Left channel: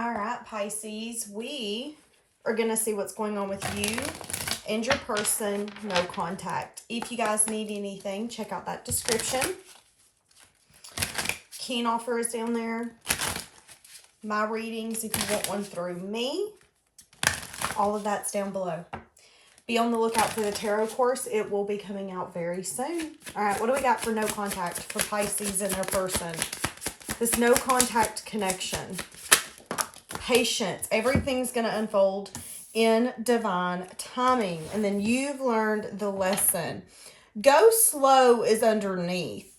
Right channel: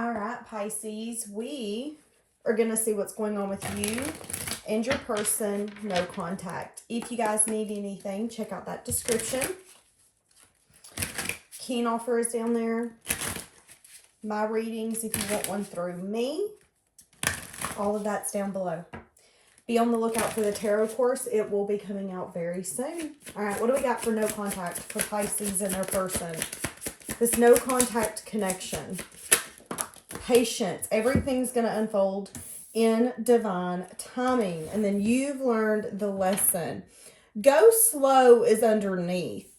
All right, Pisces, we are going to see what's going on with you and your person, no contact. If you guys need anything, check out that description. Keen offer is down there. My readings, if you want one through me, all of that's down below. Be on the lookout for the tarot course. It will be coming out very soon. All right, what do we got for no contact for Pisces and their person? This no contact connection. Patience. Everything's going to unfold in divine timing. And then you've learned the lesson. Go slow is underneath.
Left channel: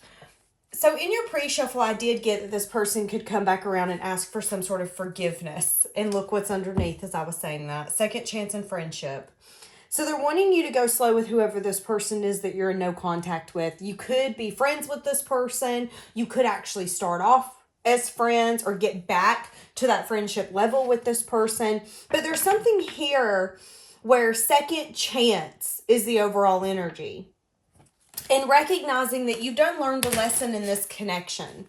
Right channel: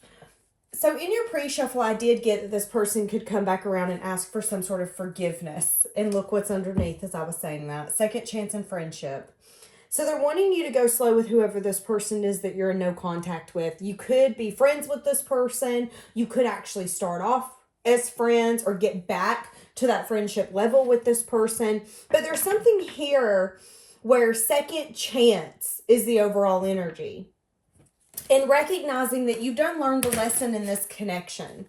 So in your pre-shuffle, I did get that this person could come back around and ask for some sort of forgiveness. And look what's underneath as I was saying that. Second chance in friendship. So they're wanting you to go slow with whoever this person is that you're in no contact with. You could be friends with this person. You could actually start off as friends or get back to that friendship level with this person. But there's something here where second chance is the overall energy. And recognizing that you've done learned the lesson in this connection.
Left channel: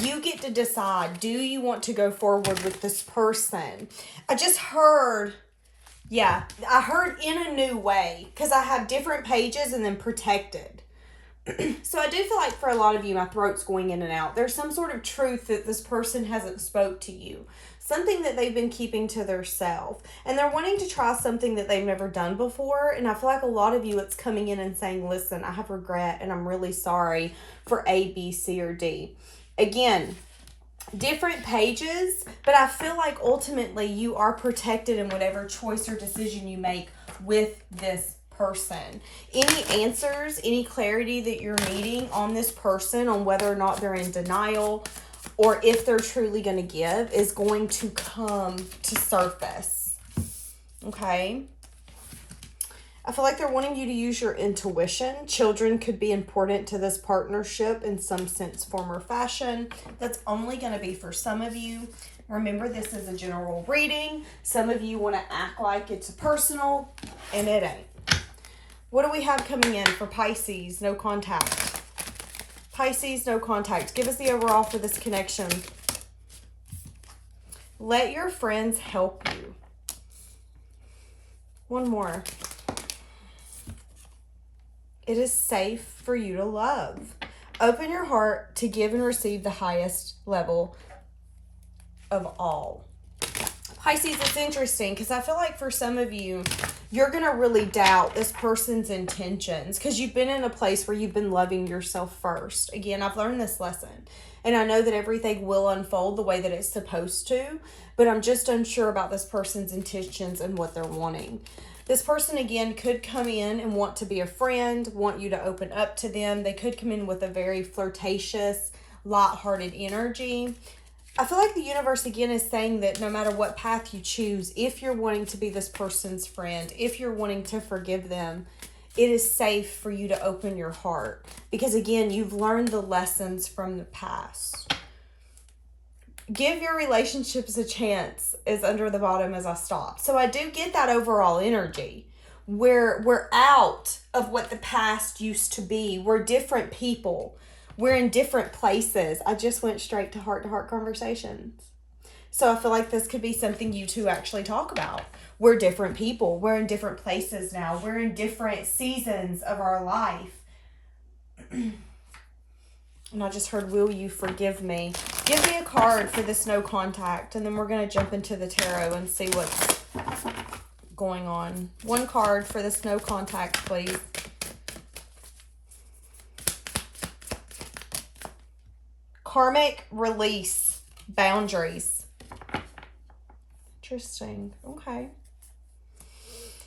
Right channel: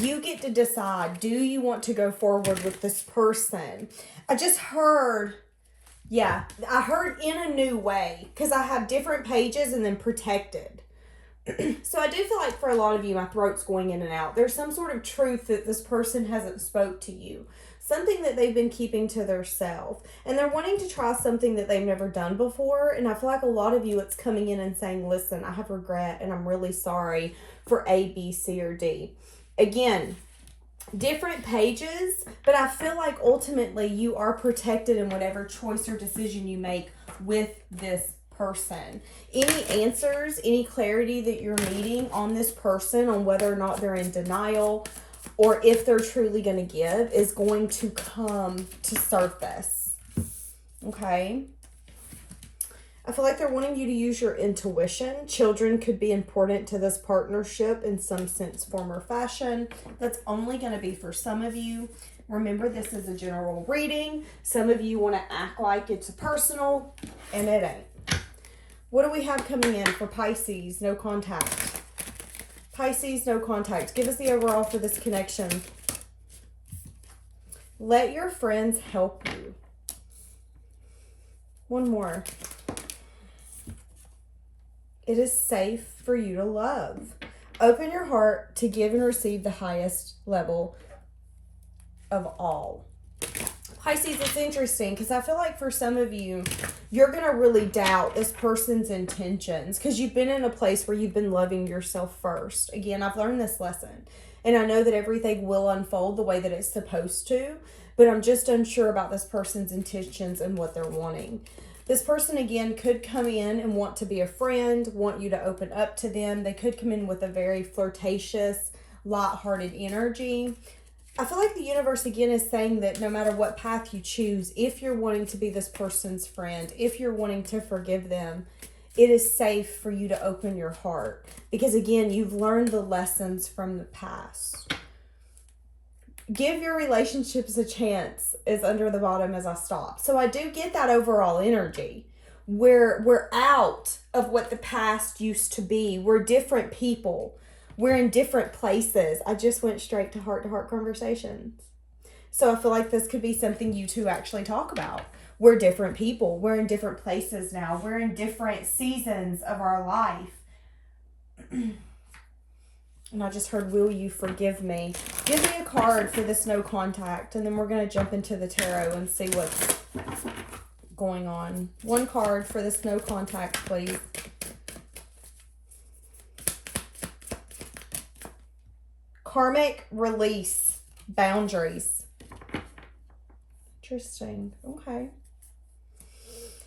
You get to decide, do you want to go forward with this person? I just heard... Yeah, I heard in a new way because I have different pages and then protected. So I do feel like for a lot of you, my throat's going in and out. There's some sort of truth that this person hasn't spoke to you. Something that they've been keeping to themselves. And they're wanting to try something that they've never done before. And I feel like a lot of you, it's coming in and saying, listen, I have regret and I'm really sorry for A, B, C, or D. Again, different pages, but I feel like ultimately you are protected in whatever choice or decision you make with this person. Any answers, any clarity that you're needing on this person, on whether or not they're in denial or if they're truly going to give, is going to come to surface. Okay? I feel like they're wanting you to use your intuition. Children could be important to this partnership in some sense, form, or fashion. That's only going to be for some of you. Remember, this is a general reading. Some of you want to act like it's personal, and it ain't. What do we have coming in for Pisces? No contact. Pisces, no contact. Give us the overall for this connection. Let your friends help you. One more. It is safe for you to love. Open your heart to give and receive the highest level of all. Pisces, it's interesting because I feel like for some of you, you're going to really doubt this person's intentions because you've been in a place where you've been loving yourself first. Again, I've learned this lesson. And I know that everything will unfold the way that it's supposed to, but I'm just unsure about this person's intentions and what they're wanting. This person, again, could come in and want to be a friend, want you to open up to them. They could come in with a very flirtatious, light-hearted energy. I feel like the universe, again, is saying that no matter what path you choose, if you're wanting to be this person's friend, if you're wanting to forgive them, it is safe for you to open your heart. Because, again, you've learned the lessons from the past. Give your relationships a chance is under the bottom as I stop. So I do get that overall energy where we're out of what the past used to be. We're different people. We're in different places. I just went straight to heart-to-heart conversations. So I feel like this could be something you two actually talk about. We're different people. We're in different places now. We're in different seasons of our life. And I just heard, will you forgive me? Give me a card for this no contact. And then we're going to jump into the tarot and see what's going on. One card for this no contact, please. Karmic release. Boundaries. Interesting. Okay.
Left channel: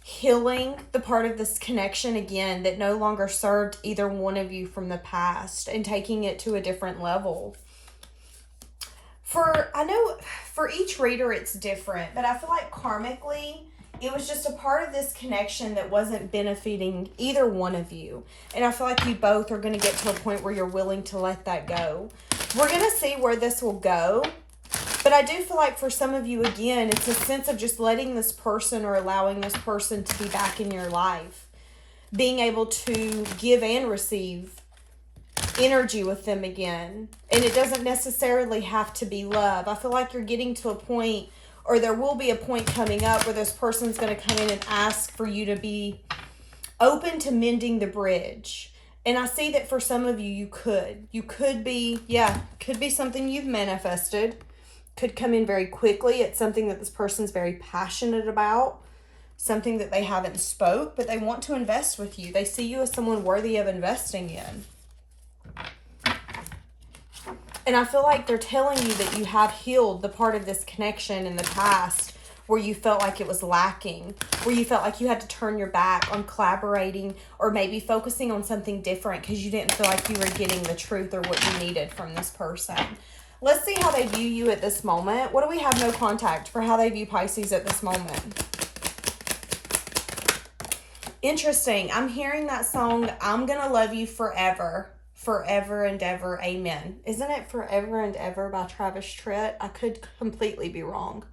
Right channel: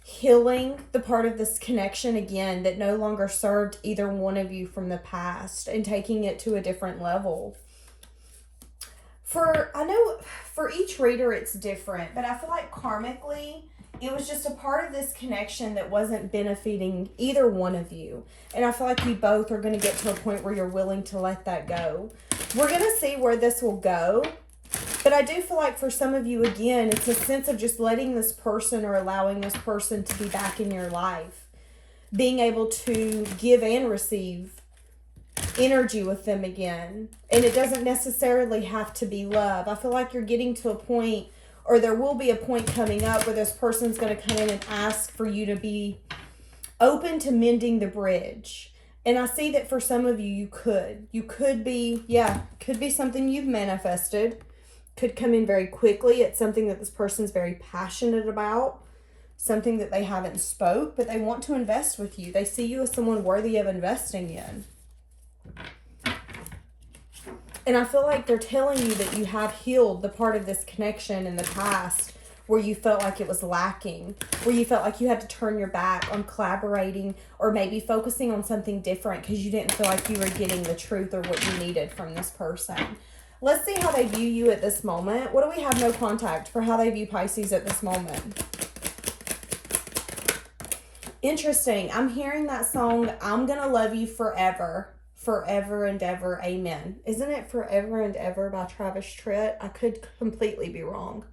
Healing the part of this connection again that no longer served either one of you from the past and taking it to a different level. I know for each reader it's different, but I feel like karmically it was just a part of this connection that wasn't benefiting either one of you. And I feel like you both are going to get to a point where you're willing to let that go. We're going to see where this will go. But I do feel like for some of you, again, it's a sense of just letting this person or allowing this person to be back in your life. Being able to give and receive energy with them again. And it doesn't necessarily have to be love. I feel like you're getting to a point or there will be a point coming up where this person's going to come in and ask for you to be open to mending the bridge. And I see that for some of you, you could be, could be something you've manifested, could come in very quickly. It's something that this person's very passionate about, something that they haven't spoke, but they want to invest with you. They see you as someone worthy of investing in. And I feel like they're telling you that you have healed the part of this connection in the past where you felt like it was lacking, where you felt like you had to turn your back on collaborating or maybe focusing on something different because you didn't feel like you were getting the truth or what you needed from this person. Let's see how they view you at this moment. What do we have no contact for how they view Pisces at this moment? Interesting. I'm hearing that song, I'm Gonna Love You Forever. Forever and Ever, Amen. Isn't it Forever and Ever by Travis Tritt? I could completely be wrong.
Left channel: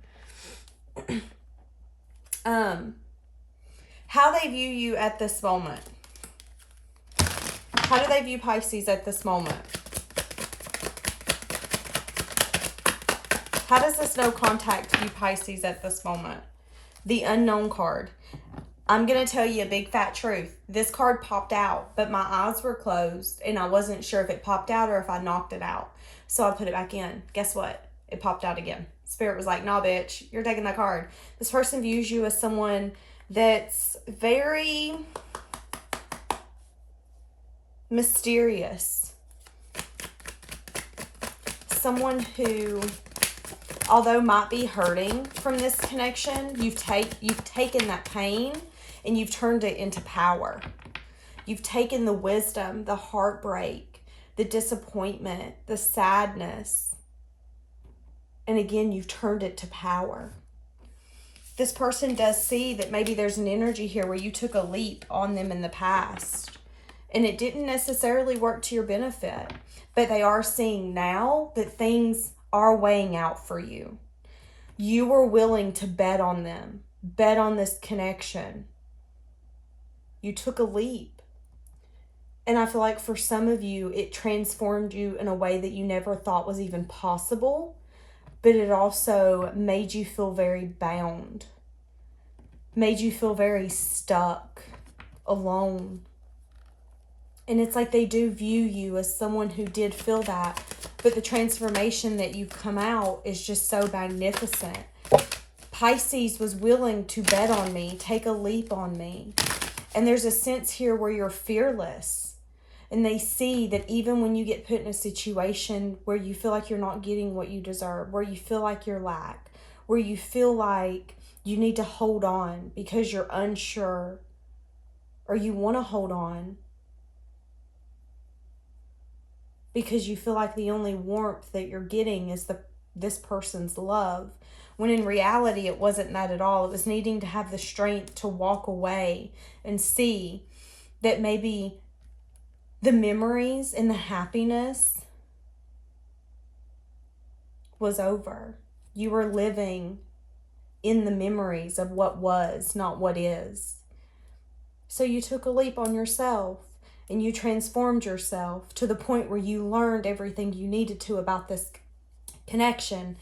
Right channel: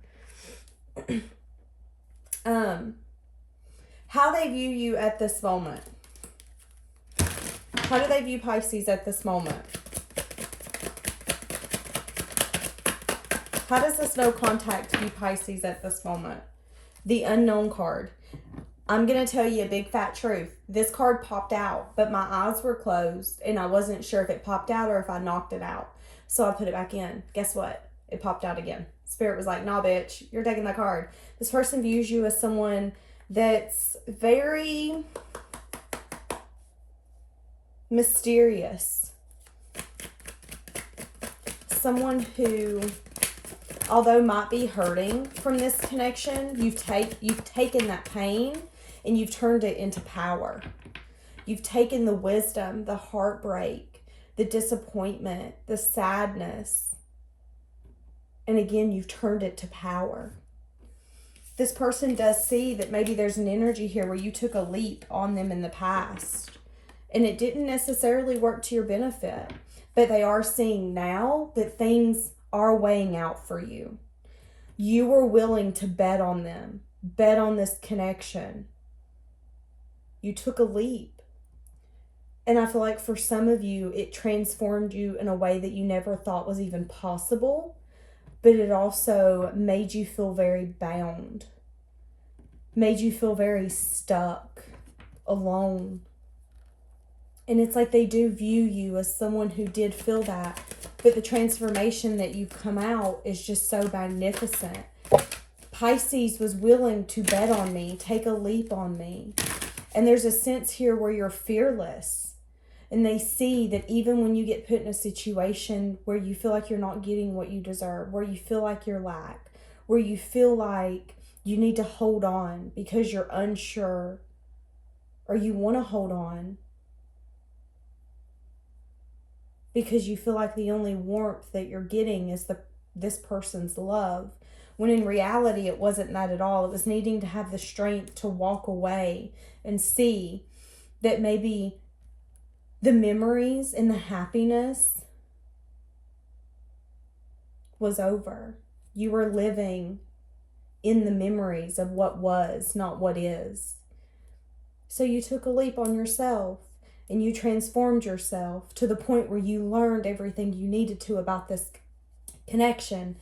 How they view you at this moment. How do they view Pisces at this moment? How does this no contact view Pisces at this moment? The Unknown card. I'm going to tell you a big fat truth. This card popped out, but my eyes were closed and I wasn't sure if it popped out or if I knocked it out. So I put it back in. Guess what? It popped out again. Spirit was like, nah, bitch, you're taking that card. This person views you as someone that's very mysterious. Someone who, although might be hurting from this connection, you've taken that pain and you've turned it into power. You've taken the wisdom, the heartbreak, the disappointment, the sadness, and again, you've turned it to power. This person does see that maybe there's an energy here where you took a leap on them in the past and it didn't necessarily work to your benefit, but they are seeing now that things are weighing out for you. You were willing to bet on them, bet on this connection. You took a leap. And I feel like for some of you, it transformed you in a way that you never thought was even possible, but it also made you feel very bound, made you feel very stuck, alone. And it's like they do view you as someone who did feel that, but the transformation that you've come out is just so magnificent. Pisces was willing to bet on me, take a leap on me. And there's a sense here where you're fearless. And they see that even when you get put in a situation where you feel like you're not getting what you deserve, where you feel like you're lack, where you feel like you need to hold on because you're unsure or you want to hold on because you feel like the only warmth that you're getting is this person's love. When in reality, it wasn't that at all. It was needing to have the strength to walk away and see that maybe the memories and the happiness was over. You were living in the memories of what was, not what is. So you took a leap on yourself and you transformed yourself to the point where you learned everything you needed to about this connection.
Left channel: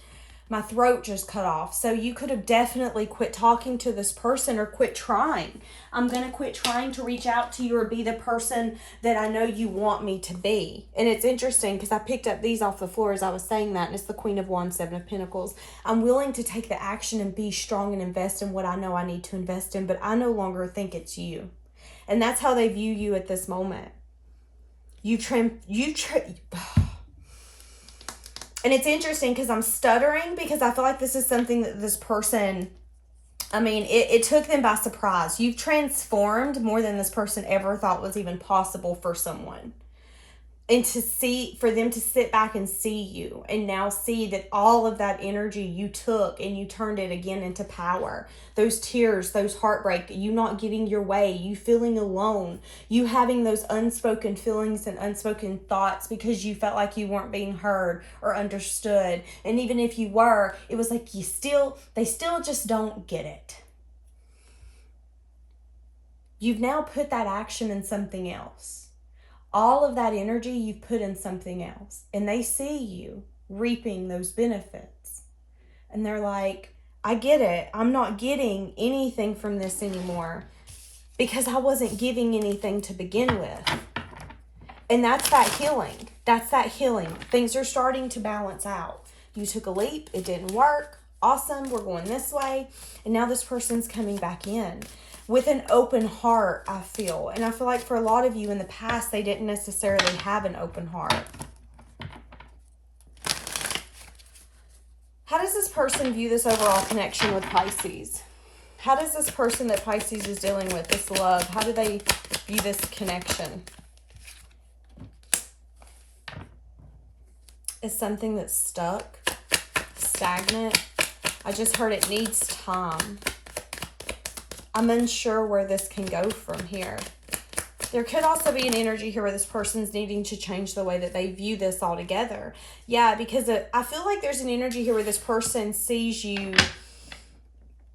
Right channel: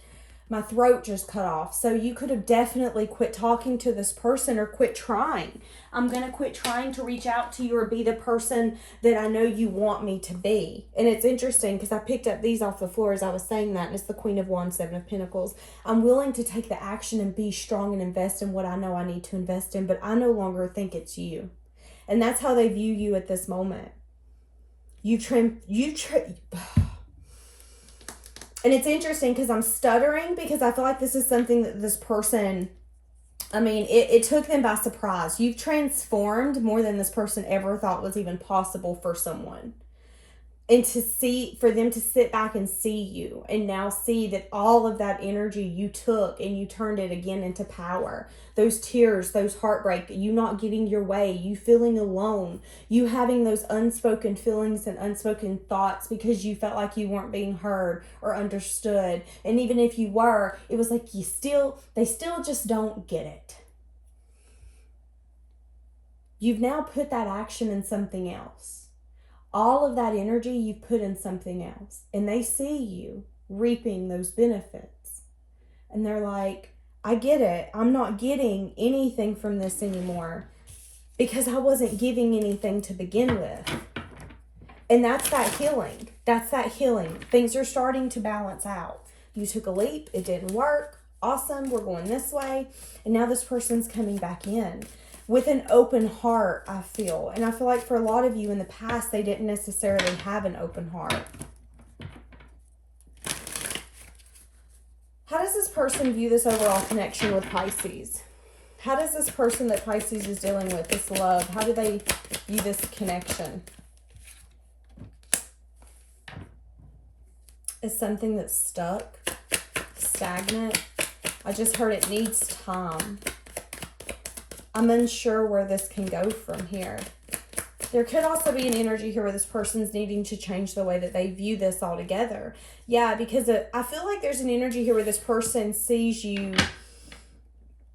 My throat just cut off. So you could have definitely quit talking to this person or quit trying. I'm going to quit trying to reach out to you or be the person that I know you want me to be. And it's interesting because I picked up these off the floor as I was saying that. And it's the Queen of Wands, Seven of Pentacles. I'm willing to take the action and be strong and invest in what I know I need to invest in. But I no longer think it's you. And that's how they view you at this moment. And it's interesting because I'm stuttering because I feel like this is something that this person, it took them by surprise. You've transformed more than this person ever thought was even possible for someone. And for them to sit back and see you and now see that all of that energy you took and you turned it again into power. Those tears, those heartbreak, you not getting your way, you feeling alone, you having those unspoken feelings and unspoken thoughts because you felt like you weren't being heard or understood. And even if you were, it was like they still just don't get it. You've now put that action in something else. All of that energy you've put in something else. And they see you reaping those benefits. And they're like, I get it. I'm not getting anything from this anymore because I wasn't giving anything to begin with. And that's that healing. That's that healing. Things are starting to balance out. You took a leap. It didn't work. Awesome. We're going this way. And now this person's coming back in with an open heart, I feel. And I feel like for a lot of you in the past, they didn't necessarily have an open heart. How does this person view this overall connection with Pisces? How does this person that Pisces is dealing with, this love, how do they view this connection? Is something that's stuck, stagnant. I just heard it needs time. I'm unsure where this can go from here. There could also be an energy here where this person's needing to change the way that they view this altogether. Yeah, because I feel like there's an energy here where this person sees you,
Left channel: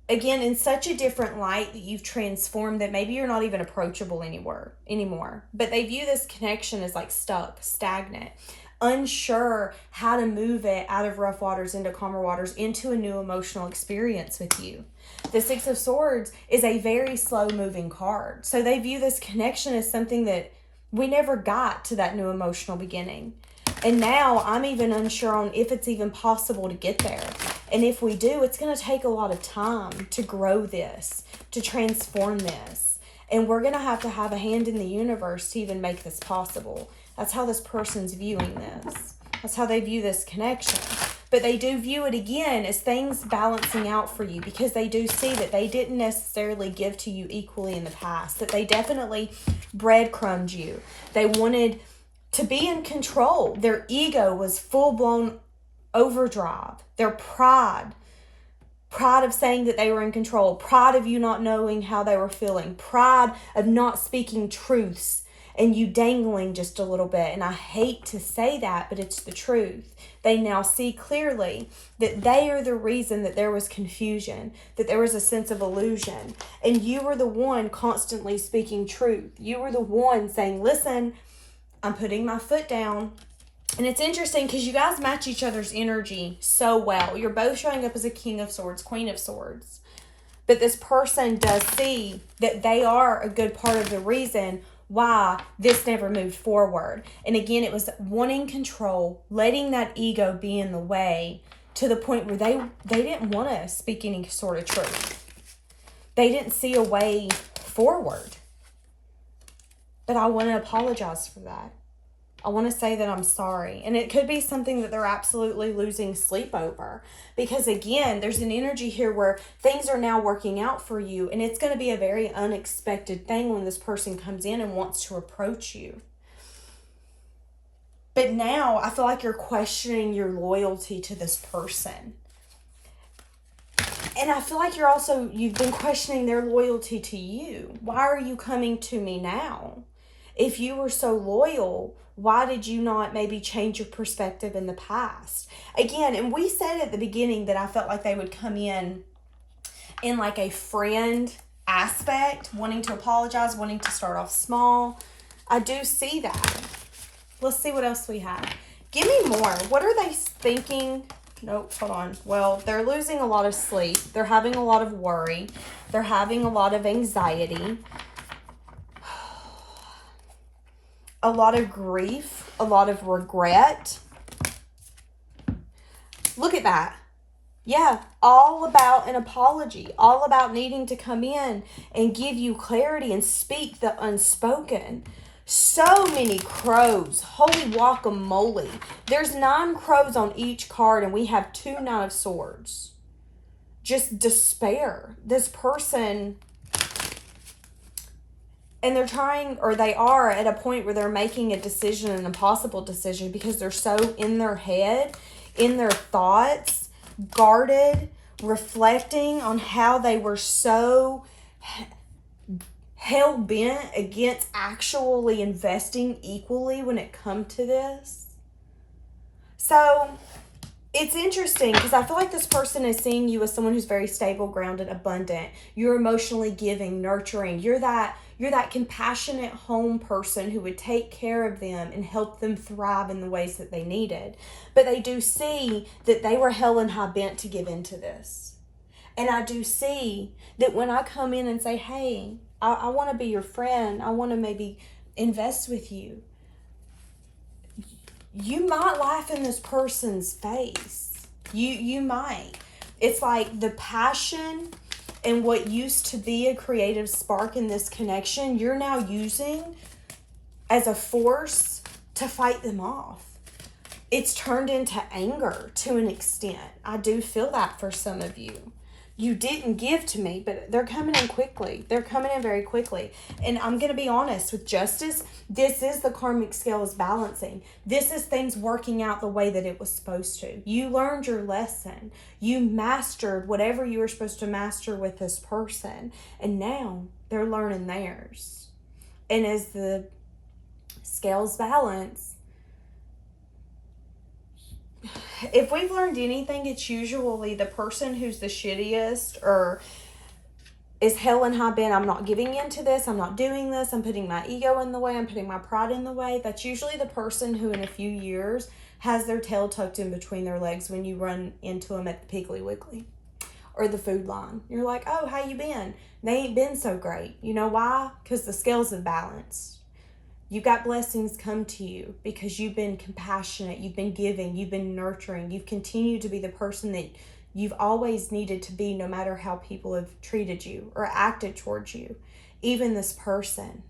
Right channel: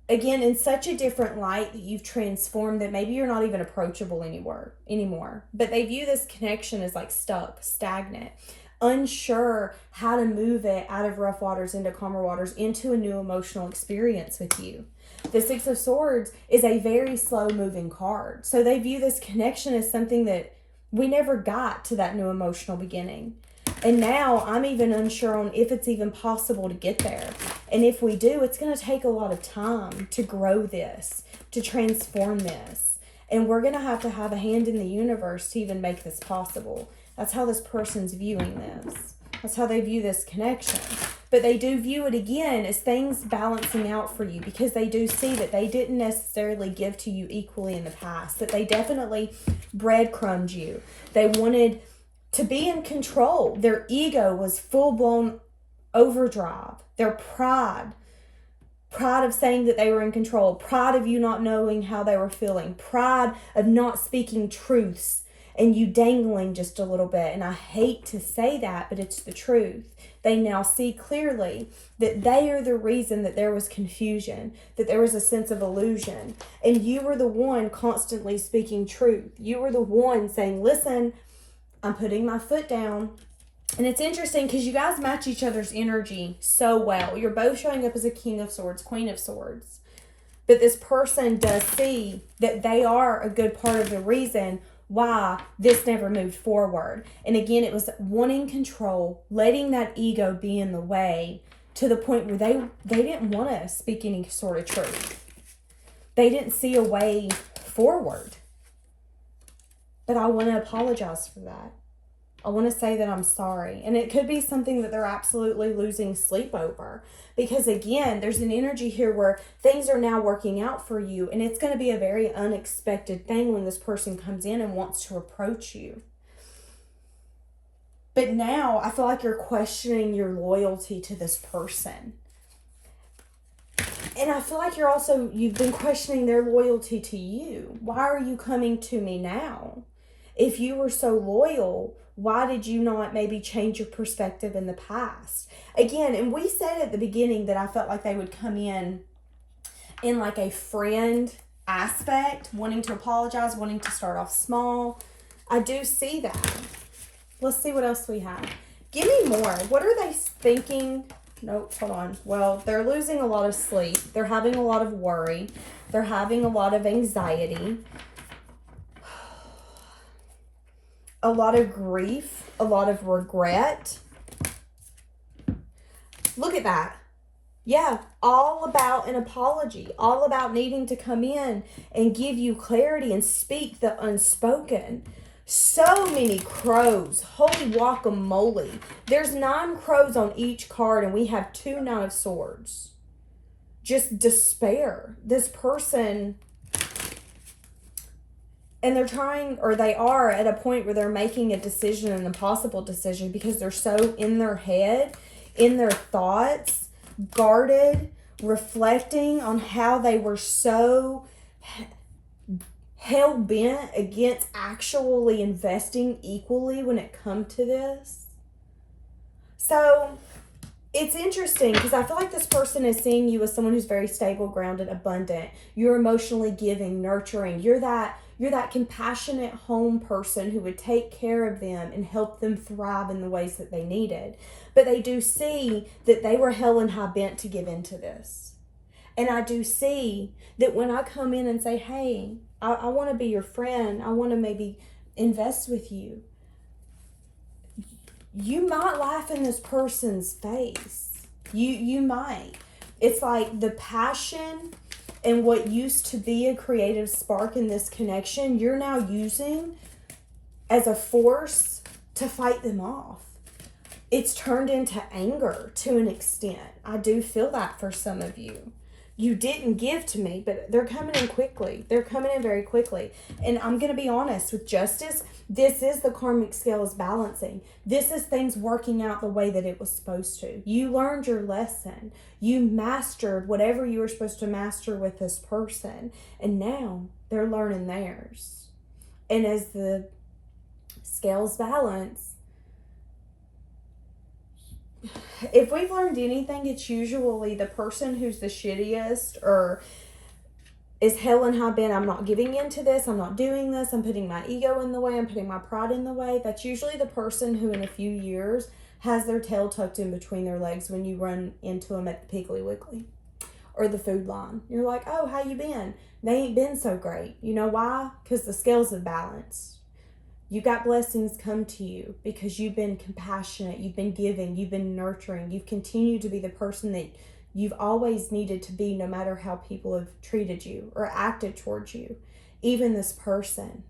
again, in such a different light that you've transformed that maybe you're not even approachable anymore. But they view this connection as like stuck, stagnant, unsure how to move it out of rough waters into calmer waters, into a new emotional experience with you. The Six of Swords is a very slow moving card. So they view this connection as something that we never got to that new emotional beginning. And now I'm even unsure on if it's even possible to get there. And if we do, it's going to take a lot of time to grow this, to transform this. And we're going to have a hand in the universe to even make this possible. That's how this person's viewing this. That's how they view this connection. But they do view it again as things balancing out for you, because they do see that they didn't necessarily give to you equally in the past, that they definitely breadcrumbed you. They wanted to be in control. Their ego was full-blown overdrive. Their pride of saying that they were in control, pride of you not knowing how they were feeling, pride of not speaking truths, and you dangling just a little bit. And I hate to say that, but it's the truth. They now see clearly that they are the reason that there was confusion, that there was a sense of illusion. And you were the one constantly speaking truth. You were the one saying, listen, I'm putting my foot down. And it's interesting because you guys match each other's energy so well. You're both showing up as a King of Swords, Queen of Swords. But this person does see that they are a good part of the reason why this never moved forward. And again, it was wanting control, letting that ego be in the way, to the point where they didn't want to speak any sort of truth. They didn't see a way forward. But I want to apologize for that. I want to say that I'm sorry. And it could be something that they're absolutely losing sleep over. Because again, there's an energy here where things are now working out for you. And it's going to be a very unexpected thing when this person comes in and wants to approach you. But now I feel like you're questioning your loyalty to this person. And I feel like you've been questioning their loyalty to you. Why are you coming to me now? If you were so loyal, why did you not maybe change your perspective in the past? Again, and we said at the beginning that I felt like they would come in like a friend aspect, wanting to apologize, wanting to start off small. I do see that. Let's see what else we have. Give me more. What are they thinking? Nope, hold on. Well, they're losing a lot of sleep. They're having a lot of worry. They're having a lot of anxiety. A lot of grief, a lot of regret. Look at that. Yeah, all about an apology, all about needing to come in and give you clarity and speak the unspoken. So many crows. Holy guacamole. There's 9 crows on each card, and we have 2 Knight of Swords. Just despair. This person... And they're trying, or they are at a point where they're making a decision, an impossible decision, because they're so in their head, in their thoughts, guarded, reflecting on how they were so hell-bent against actually investing equally when it comes to this. So it's interesting because I feel like this person is seeing you as someone who's very stable, grounded, abundant. You're emotionally giving, nurturing. You're that compassionate home person who would take care of them and help them thrive in the ways that they needed. But they do see that they were hell and high bent to give into this. And I do see that when I come in and say, hey, I want to be your friend, I want to maybe invest with you, you might laugh in this person's face. You might. It's like the passion and what used to be a creative spark in this connection, you're now using as a force to fight them off. It's turned into anger to an extent. I do feel that for some of you. You didn't give to me, but they're coming in quickly. They're coming in very quickly. And I'm going to be honest with justice. This is the karmic scales balancing. This is things working out the way that it was supposed to. You learned your lesson. You mastered whatever you were supposed to master with this person. And now they're learning theirs. And as the scales balance, if we've learned anything, it's usually the person who's the shittiest or is hell and high bent. I'm not giving into this. I'm not doing this. I'm putting my ego in the way. I'm putting my pride in the way. That's usually the person who in a few years has their tail tucked in between their legs when you run into them at the Piggly Wiggly or the food line. You're like, oh, how you been? They ain't been so great. You know why? Because the scales have balanced. You got blessings come to you because you've been compassionate, you've been giving, you've been nurturing, you've continued to be the person that you've always needed to be no matter how people have treated you or acted towards you, even this person.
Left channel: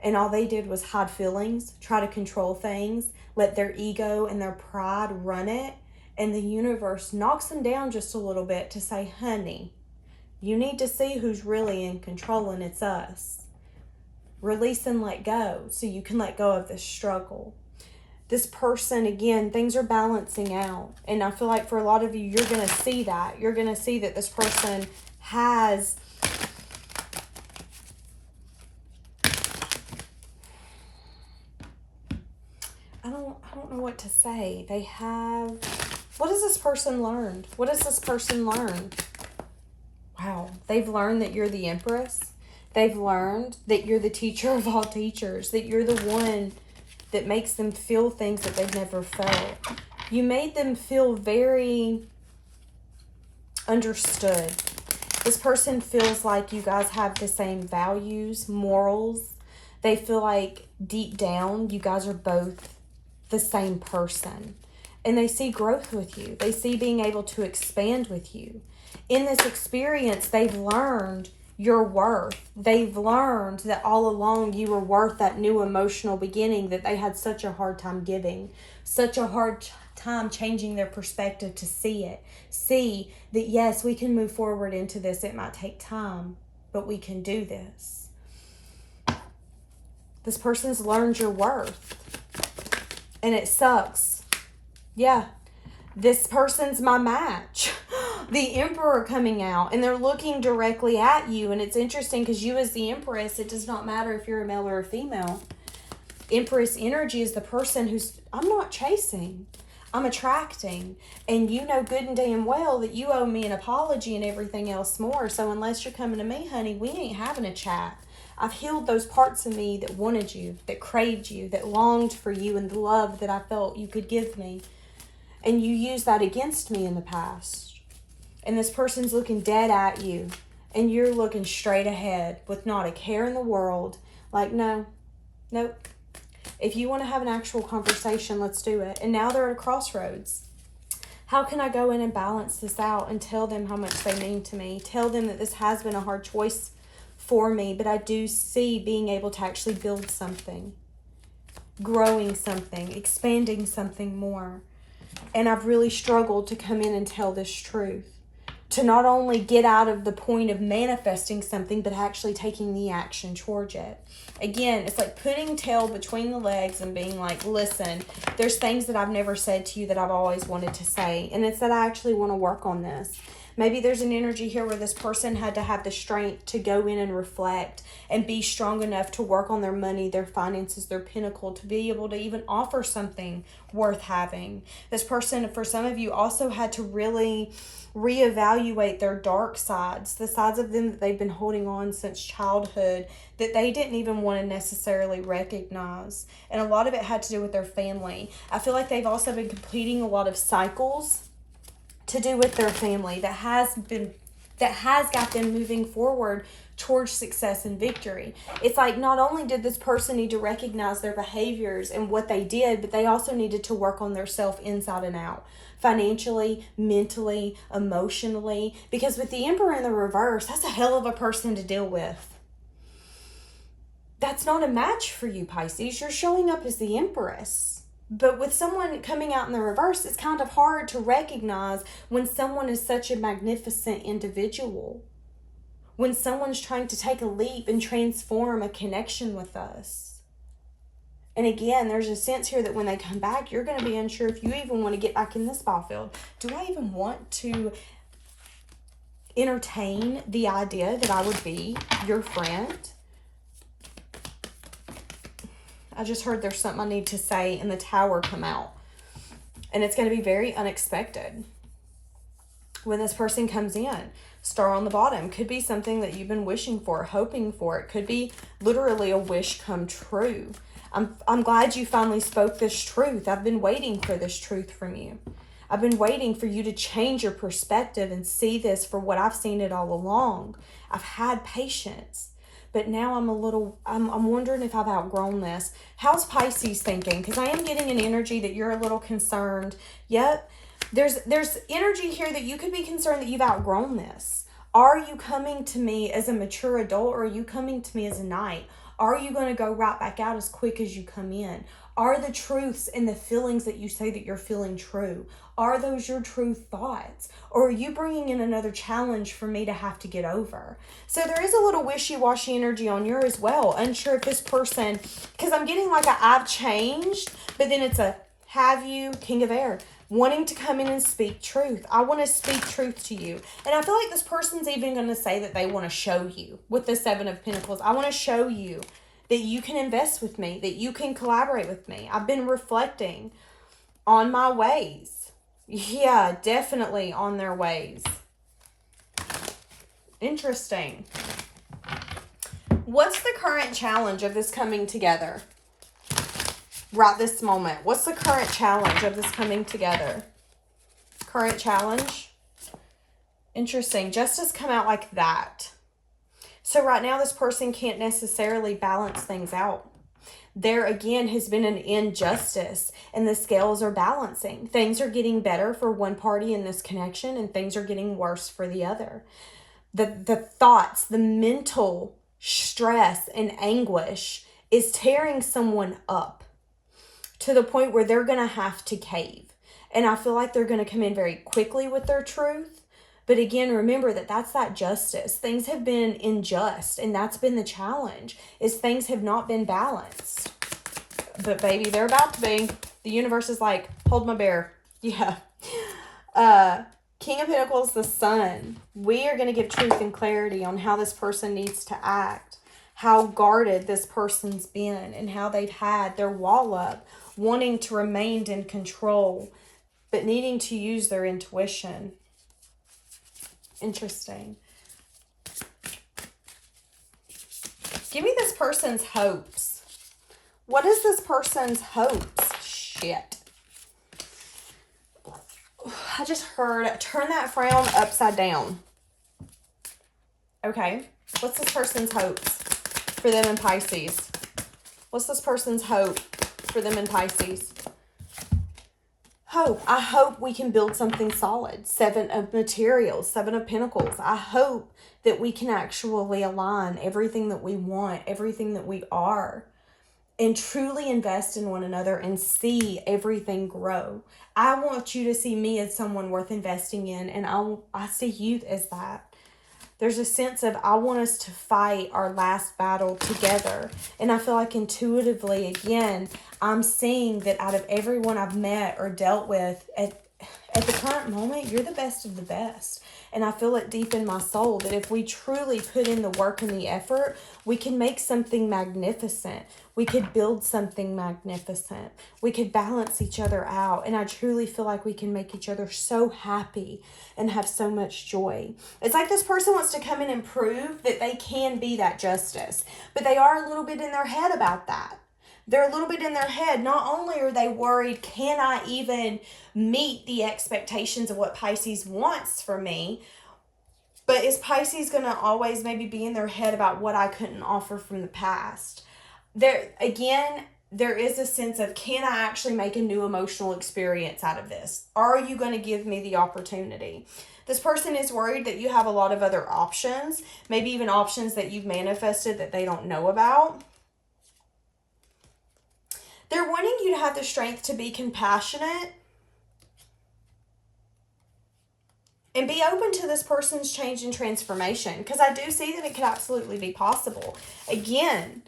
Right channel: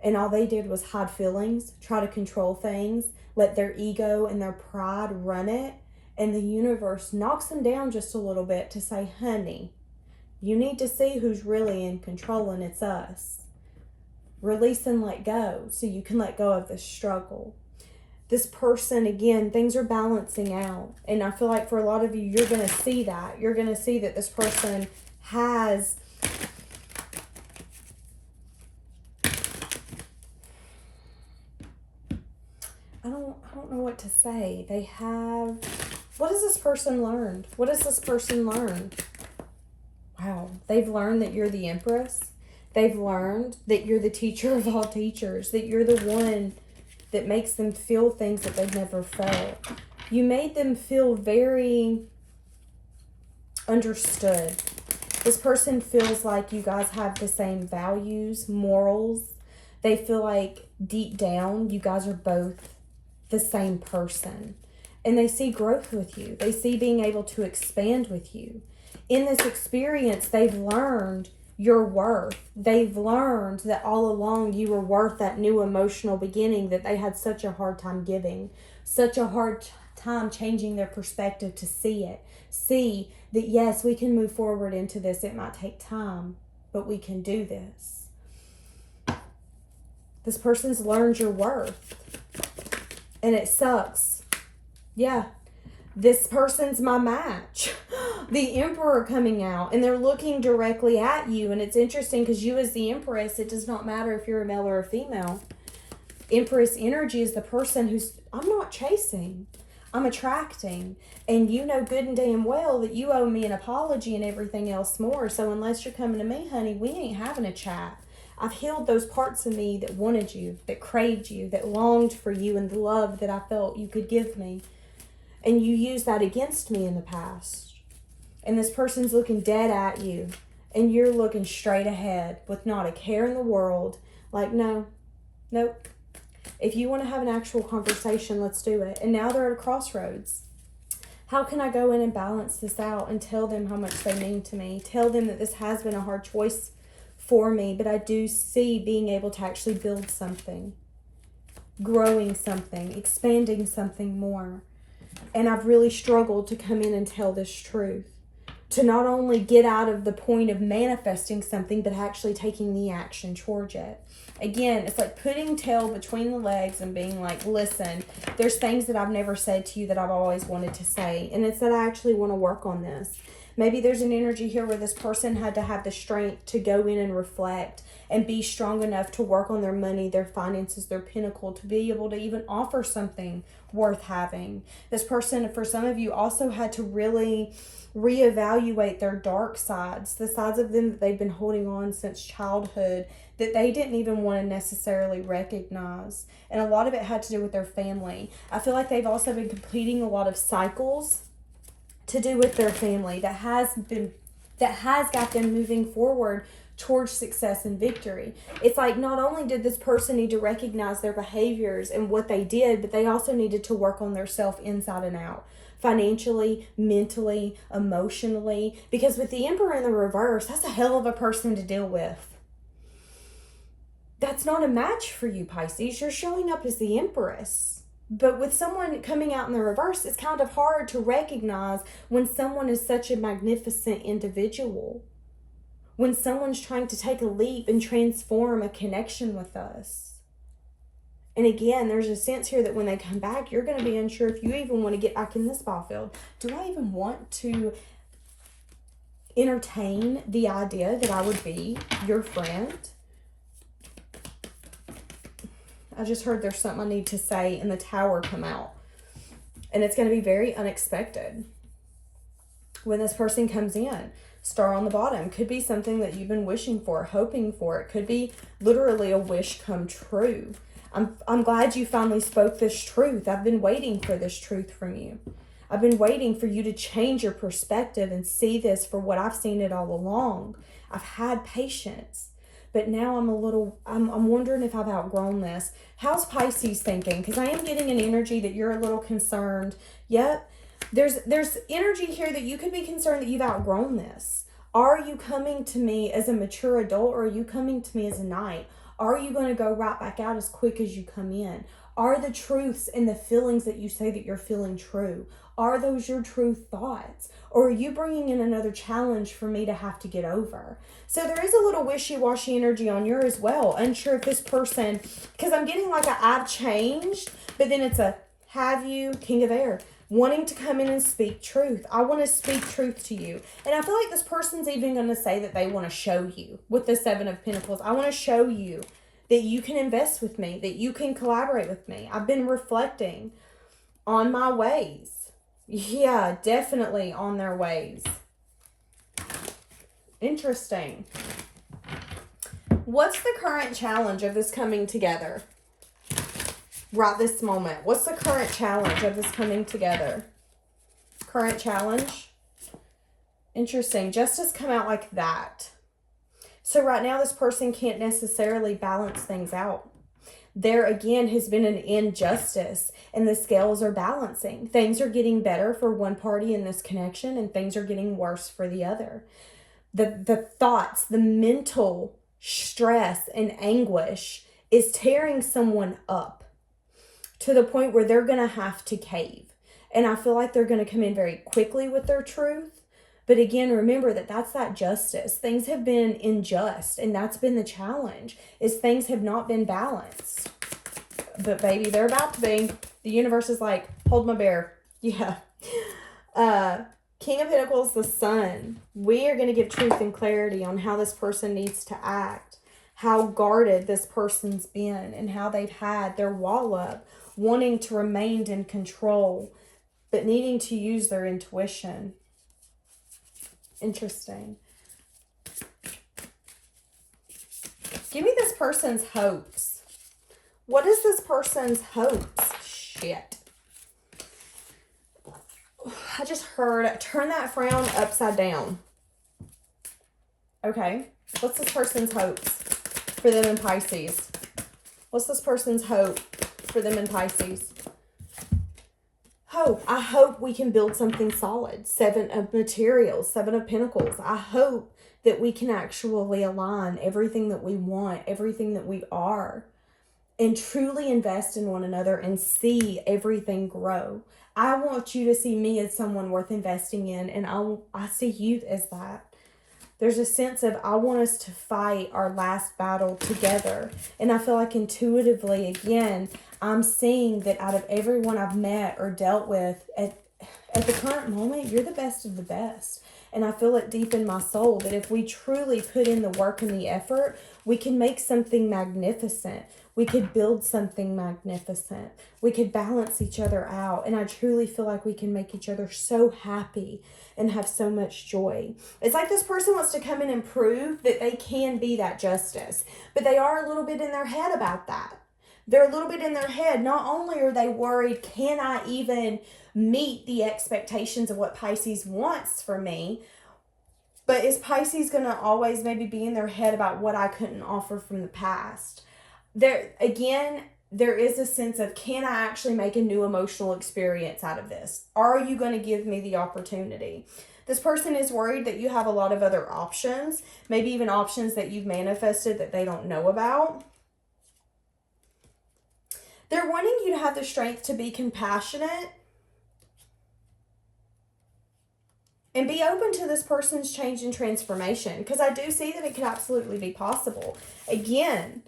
And all they did was hide feelings, try to control things, let their ego and their pride run it, and the universe knocks them down just a little bit to say, honey, you need to see who's really in control, and it's us. Release and let go so you can let go of this struggle. This person, again, things are balancing out. And I feel like for a lot of you, you're going to see that. You're going to see that this person has I don't know what to say. They have, what has this person learned? What has this person learned? Wow. They've learned that you're the Empress. They've learned that you're the teacher of all teachers, that you're the one that makes them feel things that they've never felt. You made them feel very understood. This person feels like you guys have the same values, morals. They feel like deep down you guys are both the same person. And they see growth with you. They see being able to expand with you. In this experience, they've learned your worth. They've learned that all along you were worth that new emotional beginning that they had such a hard time giving, such a hard time changing their perspective to see it. See that yes, we can move forward into this. It might take time, but we can do this. This person's learned your worth. And it sucks. Yeah. This person's my match. The Emperor coming out, and they're looking directly at you. And it's interesting because you as the Empress, it does not matter if you're a male or a female. Empress energy is the person who's, I'm not chasing, I'm attracting. And you know good and damn well that you owe me an apology and everything else more. So unless you're coming to me, honey, we ain't having a chat. I've healed those parts of me that wanted you, that craved you, that longed for you and the love that I felt you could give me. And you used that against me in the past. And this person's looking dead at you. And you're looking straight ahead with not a care in the world. Like, no, nope. If you want to have an actual conversation, let's do it. And now they're at a crossroads. How can I go in and balance this out and tell them how much they mean to me? Tell them that this has been a hard choice for me, but I do see being able to actually build something, growing something, expanding something more. And I've really struggled to come in and tell this truth. To not only get out of the point of manifesting something, but actually taking the action towards it. Again, it's like putting tail between the legs and being like, listen, there's things that I've never said to you that I've always wanted to say. And it's that I actually want to work on this. Maybe there's an energy here where this person had to have the strength to go in and reflect and be strong enough to work on their money, their finances, their pinnacle, to be able to even offer something worth having. This person, for some of you, also had to really reevaluate their dark sides, the sides of them that they've been holding on since childhood that they didn't even want to necessarily recognize. And a lot of it had to do with their family. I feel like they've also been completing a lot of cycles to do with their family that has been that has got them moving forward towards success and victory. It's like not only did this person need to recognize their behaviors and what they did, but they also needed to work on their self inside and out. Financially, mentally, emotionally. Because with the Emperor in the reverse, that's a hell of a person to deal with. That's not a match for you, Pisces. You're showing up as the Empress. But with someone coming out in the reverse, it's kind of hard to recognize when someone is such a magnificent individual. When someone's trying to take a leap and transform a connection with us. And again, there's a sense here that when they come back, you're going to be unsure if you even want to get back in this ball field. Do I even want to entertain the idea that I would be your friend? I just heard there's something I need to say and the Tower come out. And it's going to be very unexpected when this person comes in. Star on the bottom could be something that you've been wishing for, hoping for. It could be literally a wish come true. I'm glad you finally spoke this truth. I've been waiting for this truth from you. I've been waiting for you to change your perspective and see this for what I've seen it all along. I've had patience. But now I'm wondering if I've outgrown this. How's Pisces thinking? Because I am getting an energy that you're a little concerned. Yep. There's energy here that you could be concerned that you've outgrown this. Are you coming to me as a mature adult, or are you coming to me as a knight? Are you going to go right back out as quick as you come in? Are the truths and the feelings that you say that you're feeling true? Are those your true thoughts? Or are you bringing in another challenge for me to have to get over? So there is a little wishy-washy energy on you as well. Unsure if this person, because I'm getting like a I've changed, but then it's a have you, King of Air, wanting to come in and speak truth. I want to speak truth to you. And I feel like this person's even going to say that they want to show you with the Seven of Pentacles. I want to show you that you can invest with me, that you can collaborate with me. I've been reflecting on my ways. Yeah, definitely on their ways. Interesting. What's the current challenge of this coming together? Right this moment. What's the current challenge of this coming together? Current challenge? Interesting. Justice come out like that. So right now this person can't necessarily balance things out. There again has been an injustice and the scales are balancing. Things are getting better for one party in this connection and things are getting worse for the other. The thoughts, the mental stress and anguish is tearing someone up to the point where they're going to have to cave. And I feel like they're going to come in very quickly with their truth. But again, remember that that's that justice. Things have been unjust, and that's been the challenge, is things have not been balanced. But baby, they're about to be. The universe is like, hold my bear. Yeah. King of Pentacles, the Sun. We are going to give truth and clarity on how this person needs to act, how guarded this person's been, and how they've had their wall up, wanting to remain in control, but needing to use their intuition. Interesting. Give me this person's hopes. What is this person's hopes? Shit. I just heard, turn that frown upside down. Okay. What's this person's hopes for them in Pisces? What's this person's hope for them in Pisces? Hope. I hope we can build something solid. Seven of Materials, Seven of Pentacles. I hope that we can actually align everything that we want, everything that we are, and truly invest in one another and see everything grow. I want you to see me as someone worth investing in, and I see you as that. There's a sense of I want us to fight our last battle together. And I feel like intuitively, again, I'm seeing that out of everyone I've met or dealt with, at the current moment, you're the best of the best. And I feel it deep in my soul that if we truly put in the work and the effort, we can make something magnificent. We could build something magnificent. We could balance each other out. And I truly feel like we can make each other so happy and have so much joy. It's like this person wants to come in and prove that they can be that justice. But they are a little bit in their head about that. They're a little bit in their head. Not only are they worried, can I even meet the expectations of what Pisces wants for me? But is Pisces going to always maybe be in their head about what I couldn't offer from the past? There, again, there is a sense of, can I actually make a new emotional experience out of this? Are you going to give me the opportunity? This person is worried that you have a lot of other options, maybe even options that you've manifested that they don't know about. They're wanting you to have the strength to be compassionate and be open to this person's change and transformation, because I do see that it could absolutely be possible. Again,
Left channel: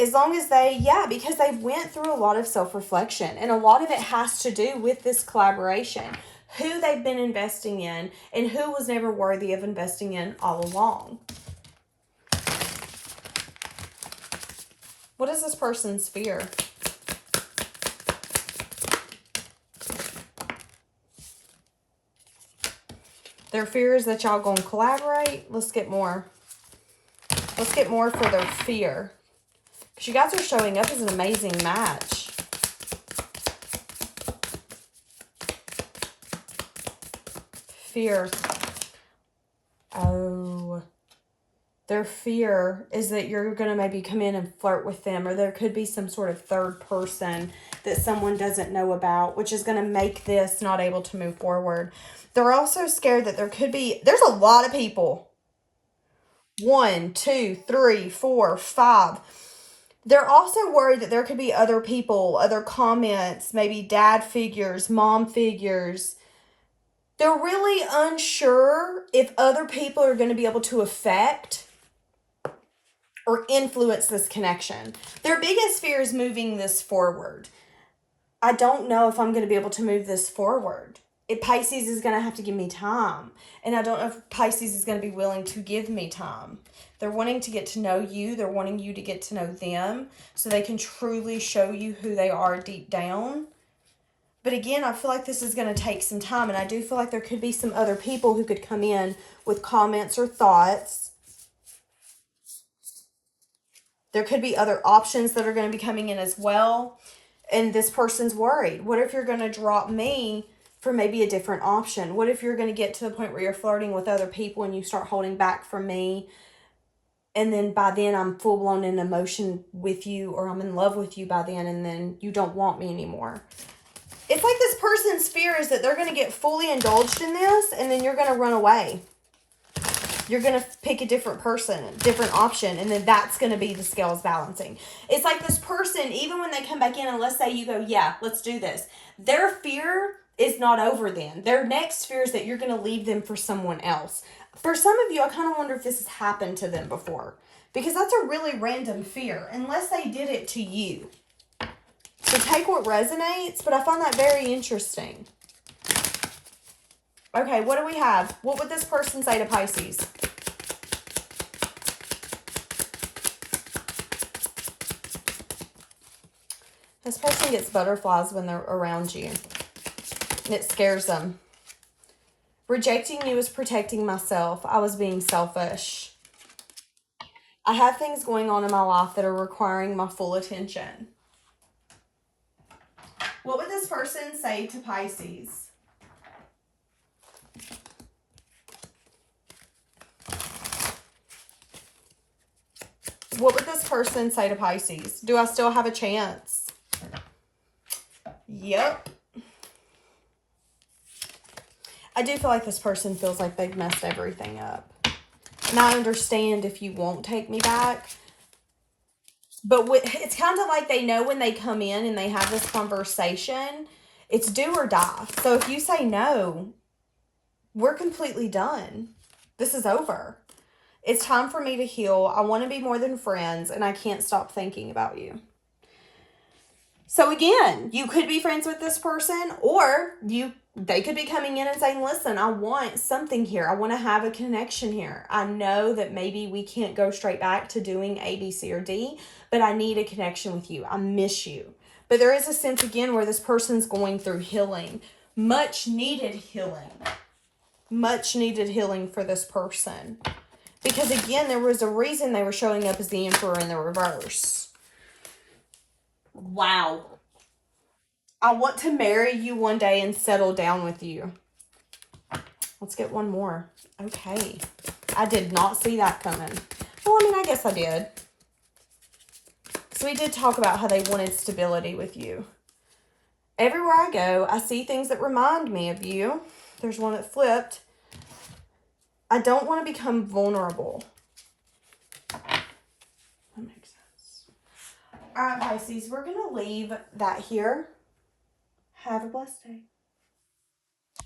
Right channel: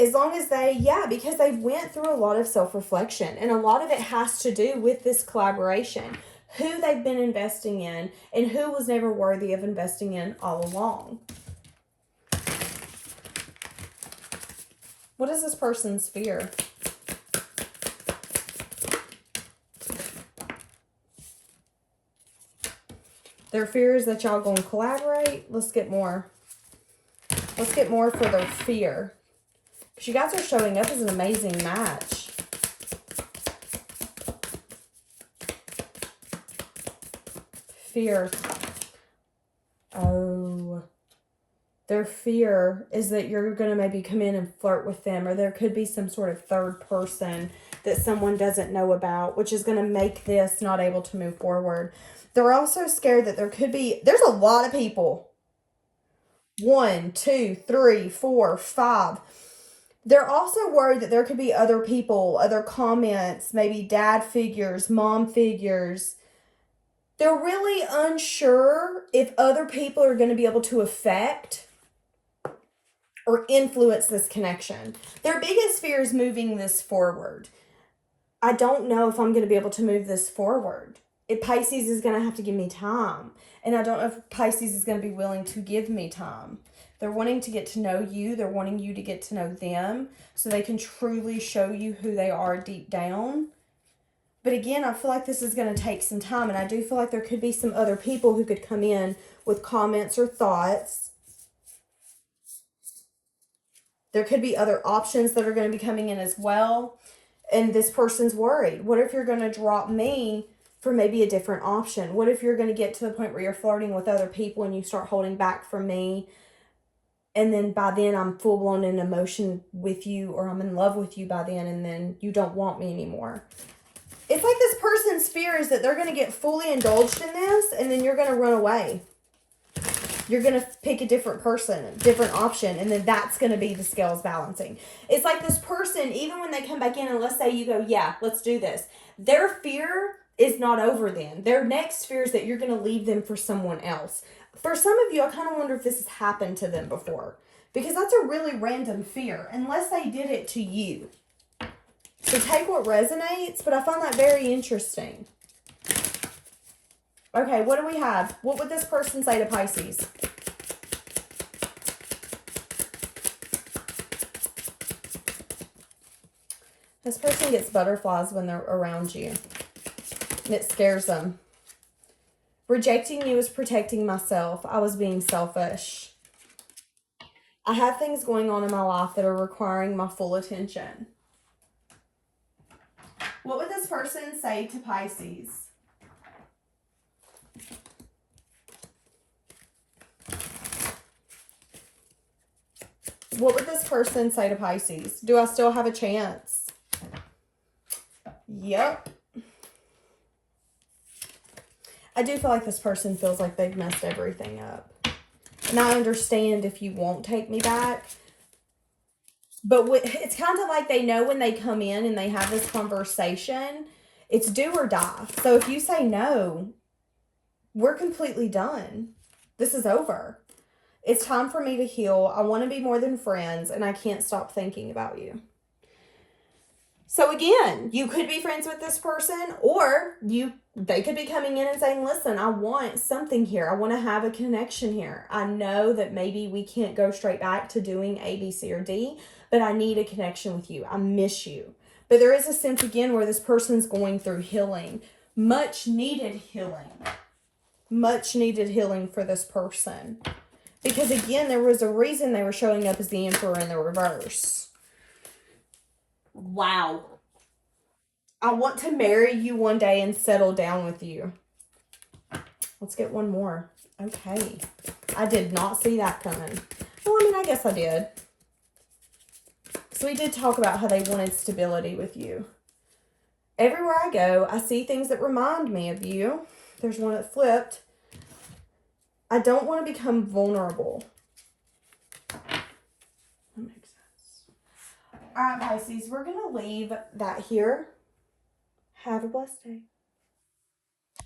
as long as they, because they went through a lot of self-reflection, and a lot of it has to do with this collaboration, who they've been investing in and who was never worthy of investing in all along. What is this person's fear? Their fear is that y'all gonna collaborate. Let's get more. Let's get more for their fear. Because you guys are showing up as an amazing match. Fear. Oh. Their fear is that you're going to maybe come in and flirt with them, or there could be some sort of third person that someone doesn't know about, which is going to make this not able to move forward. They're also scared that there's a lot of people. 1, 2, 3, 4, 5. They're also worried that there could be other people, other comments, maybe dad figures, mom figures. They're really unsure if other people are going to be able to affect or influence this connection. Their biggest fear is moving this forward. I don't know if I'm going to be able to move this forward. Pisces is going to have to give me time. And I don't know if Pisces is going to be willing to give me time. They're wanting to get to know you. They're wanting you to get to know them so they can truly show you who they are deep down. But again, I feel like this is going to take some time. And I do feel like there could be some other people who could come in with comments or thoughts. There could be other options that are going to be coming in as well. And this person's worried. What if you're going to drop me for maybe a different option? What if you're going to get to the point where you're flirting with other people and you start holding back from me? And then by then I'm full blown in emotion with you, or I'm in love with you by then, and then you don't want me anymore. It's like this person's fear is that they're going to get fully indulged in this, and then you're going to run away. You're going to pick a different person, a different option, and then that's going to be the scales balancing. It's like this person, even when they come back in, and let's say you go, yeah, let's do this. Their fear is not over then. Their next fear is that you're going to leave them for someone else. For some of you, I kind of wonder if this has happened to them before, because that's a really random fear, unless they did it to you. So take what resonates, but I find that very interesting. Okay, what do we have? What would this person say to Pisces? This person gets butterflies when they're around you, and it scares them. Rejecting you is protecting myself. I was being selfish. I have things going on in my life that are requiring my full attention. What would this person say to Pisces? What would this person say to Pisces? Do I still have a chance? Yep. I do feel like this person feels like they've messed everything up. And I understand if you won't take me back. But it's kind of like they know when they come in and they have this conversation, it's do or die. So if you say no, we're completely done. This is over. It's time for me to heal. I want to be more than friends, and I can't stop thinking about you. So again, you could be friends with this person, or they could be coming in and saying, listen, I want something here. I want to have a connection here. I know that maybe we can't go straight back to doing A, B, C, or D, but I need a connection with you. I miss you. But there is a sense, again, where this person's going through healing. Much needed healing. Much needed healing for this person. Because again, there was a reason they were showing up as the Emperor in the reverse. Wow. I want to marry you one day and settle down with you. Let's get one more. Okay. I did not see that coming. Well, I mean, I guess I did. So we did talk about how they wanted stability with you. Everywhere I go, I see things that remind me of you. There's one that flipped. I don't want to become vulnerable. That makes sense. All right, Pisces, we're going to leave that here. Have a blessed day.